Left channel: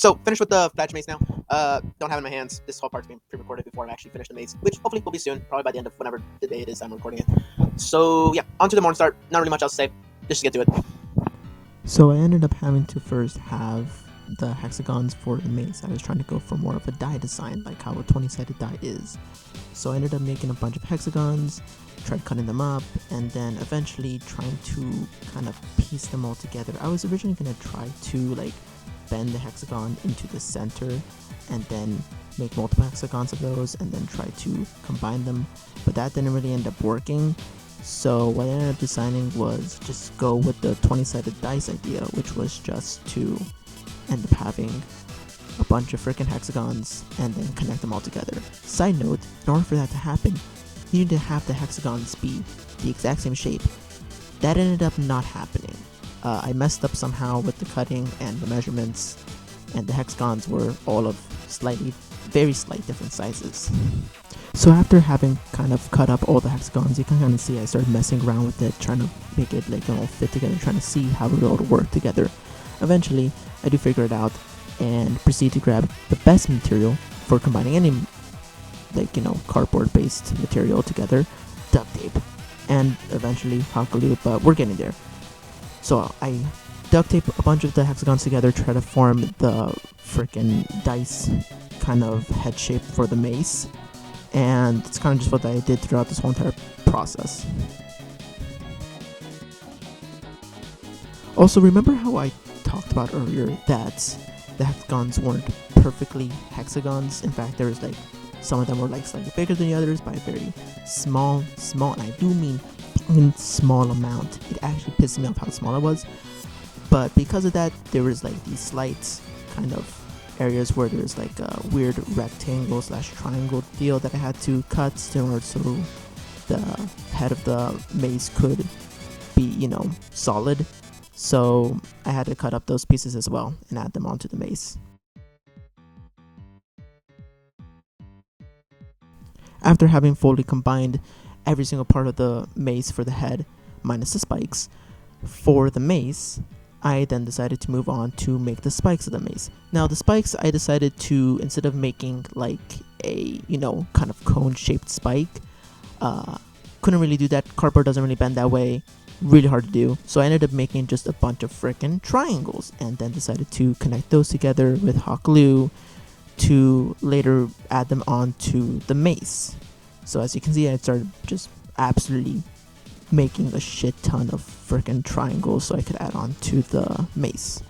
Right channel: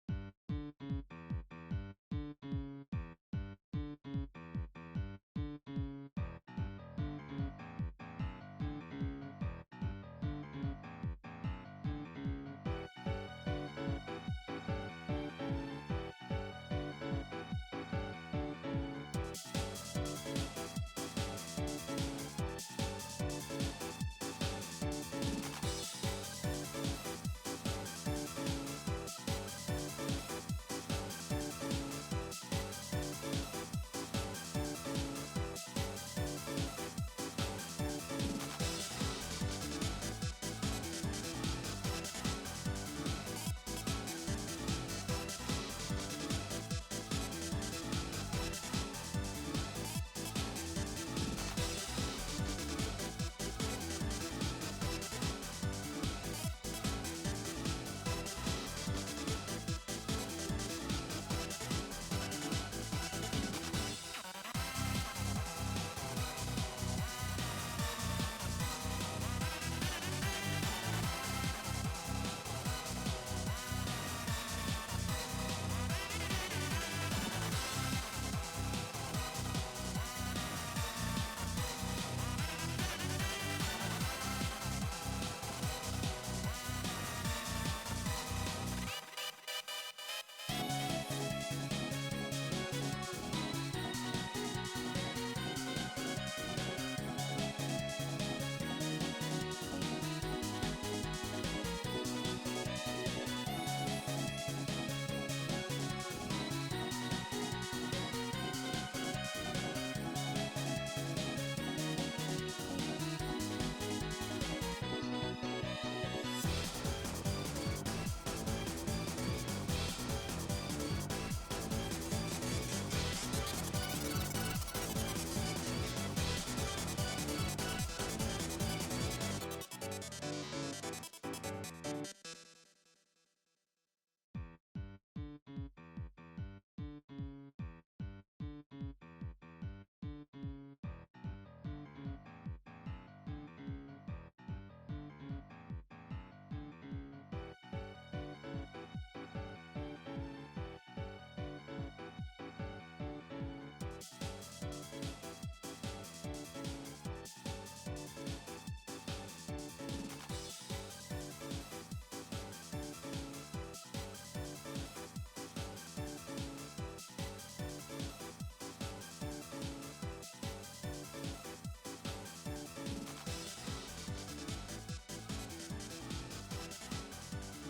So, finished with the badge mace now. Don't have it in my hands. This whole part's being pre-recorded before I actually finish the mace, which hopefully will be soon, probably by the end of whenever the day it is I'm recording it. So, yeah, on to the morning start. Not really much else to say. Let's just get to it. So I ended up having to first have the hexagons for the mace. I was trying to go for more of a die design, like how a 20-sided die is. So I ended up making a bunch of hexagons, tried cutting them up, and then eventually trying to kind of piece them all together. I was originally going to try to like bend the hexagon into the center and then make multiple hexagons of those and then try to combine them, but that didn't really end up working. So what I ended up deciding was just go with the 20-sided dice idea, which was just to end up having a bunch of freaking hexagons and then connect them all together. Side note, in order for that to happen, you need to have the hexagons be the exact same shape. That ended up not happening. I messed up somehow with the cutting and the measurements, and the hexagons were all of very slight different sizes. So after having kind of cut up all the hexagons, you can kind of see I started messing around with it, trying to make it like all fit together, trying to see how it all would work together. Eventually, I do figure it out and proceed to grab the best material for combining any cardboard based material together, duct tape, and eventually hot glue, but we're getting there. So I duct tape a bunch of the hexagons together, try to form the freaking dice kind of head shape for the mace. And it's kind of just what I did throughout this whole entire process. Also, remember how I talked about earlier that the hexagons weren't perfectly hexagons? In fact, there was like some of them were like slightly bigger than the others by a very small, and I do mean in small amount. It actually pissed me off how small it was. But because of that, there was like these slight kind of areas where there's like a weird rectangle / triangle deal that I had to cut in order so the head of the mace could be, solid. So I had to cut up those pieces as well and add them onto the mace. After having fully combined every single part of the mace for the head, minus the spikes, for the mace, I then decided to move on to make the spikes of the mace. Now the spikes, I decided to, instead of making like a, kind of cone-shaped spike, couldn't really do that. Cardboard doesn't really bend that way. Really hard to do. So I ended up making just a bunch of freaking triangles and then decided to connect those together with hot glue to later add them onto the mace. So as you can see, I started just absolutely making a shit ton of freaking triangles so I could add on to the mace.